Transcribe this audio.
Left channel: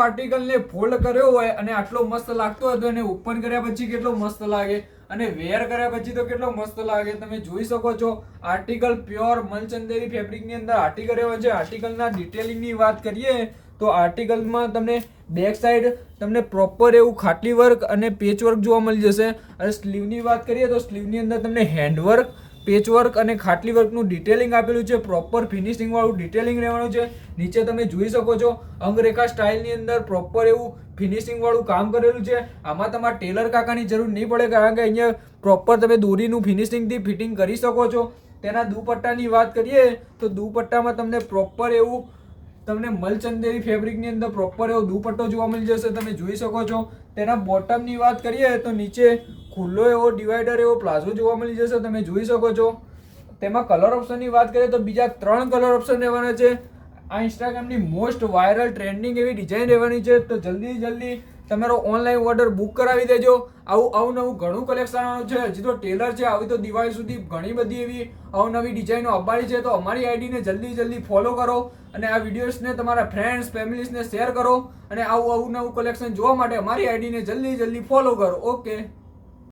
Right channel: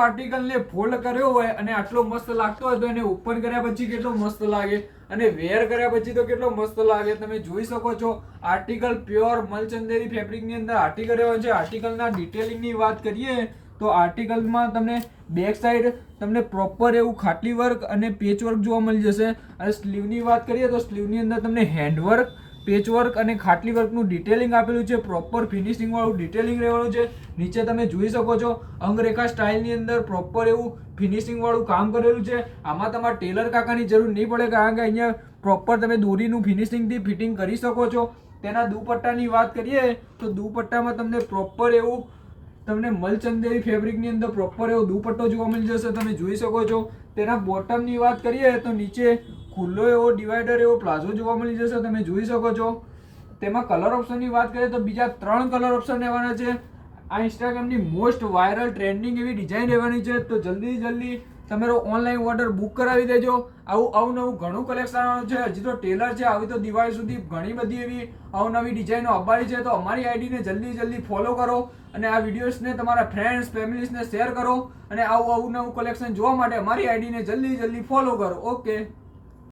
આર્ટિકલને fold કર્યો હોય અને આટલો મસ્ત લાગતો હોય તો એને ઓપન કર્યા પછી કેટલો મસ્ત લાગે અને વેર કર્યા પછી તો કેટલો મસ્ત લાગે. તમે જોઈ શકો છો આર્ટિકલ પ્યોર મલચંદેરી ફેબ્રિકની અંદર આર્ટિકલ રહ્યો છે. આર્ટિકલના ડિટેલિંગની વાત કરીએ તો આર્ટિકલમાં તમને બેક સાઈડ તમને પ્રોપર એવું ખાટલી વર્ક અને પેચ વર્ક જોવા મળી જશે. અને સ્લીવની વાત કરીએ તો સ્લીવની અંદર તમને હેન્ડવર્ક, પેચવર્ક અને ખાટલી વર્કનું ડિટેલિંગ આપેલું છે. પ્રોપર ફિનિશિંગ વાળું ડિટેલિંગ રહેવાનું છે. નીચે તમે જોઈ શકો છો અંગરેખા સ્ટાઇલની અંદર પ્રોપર એવું ફિનિશિંગ વાળું કામ કરેલું છે. આમાં તમારે ટેલર કાકાની જરૂર નહીં પડે કારણ કે અહીંયા પ્રોપર તમે દોરીનું ફિનિશિંગથી ફિટિંગ કરી શકો છો. તેના દુપટ્ટાની વાત કરીએ તો દુપટ્ટામાં તમને પ્રોપર એવું તમને મલચંદેરી ફેબ્રિકની અંદર પ્રોપર એવો દુપટ્ટો જોવા મળી જશે. તમે જોઈ શકો છો. તેના બોટમની વાત કરીએ તો નીચે ખુલ્લો એવો ડિવાઈડર એવો પ્લાઝો જોવા મળી જશે. તમે જોઈ શકો છો. તેમાં કલર ઓપ્શનની વાત કરીએ તો બીજા 3 કલર ઓપ્શન રહેવાના છે. આ ઇન્સ્ટાગ્રામની મોસ્ટ વાયરલ ટ્રેન્ડિંગ એવી ડિઝાઇન રહેવાની છે. તો જલ્દી તમારો ઓનલાઈન ઓર્ડર બુક કરાવી દેજો. આવું અવનવું ઘણું કલેક્શન આવવાનું છે. હજી તો ટેલર છે, આવી તો દિવાળી સુધી ઘણી બધી એવી અવનવી ડિઝાઇનો આવવાની છે. તો અમારી આઈડીને જલ્દી ફોલો કરો અને આ વિડીયોઝને તમારા ફ્રેન્ડ્સ ફેમિલીઝને શેર કરો અને આવું અવનવું કલેક્શન જોવા માટે અમારી આઈડીને જલ્દી ફોલો કરો. ઓકે.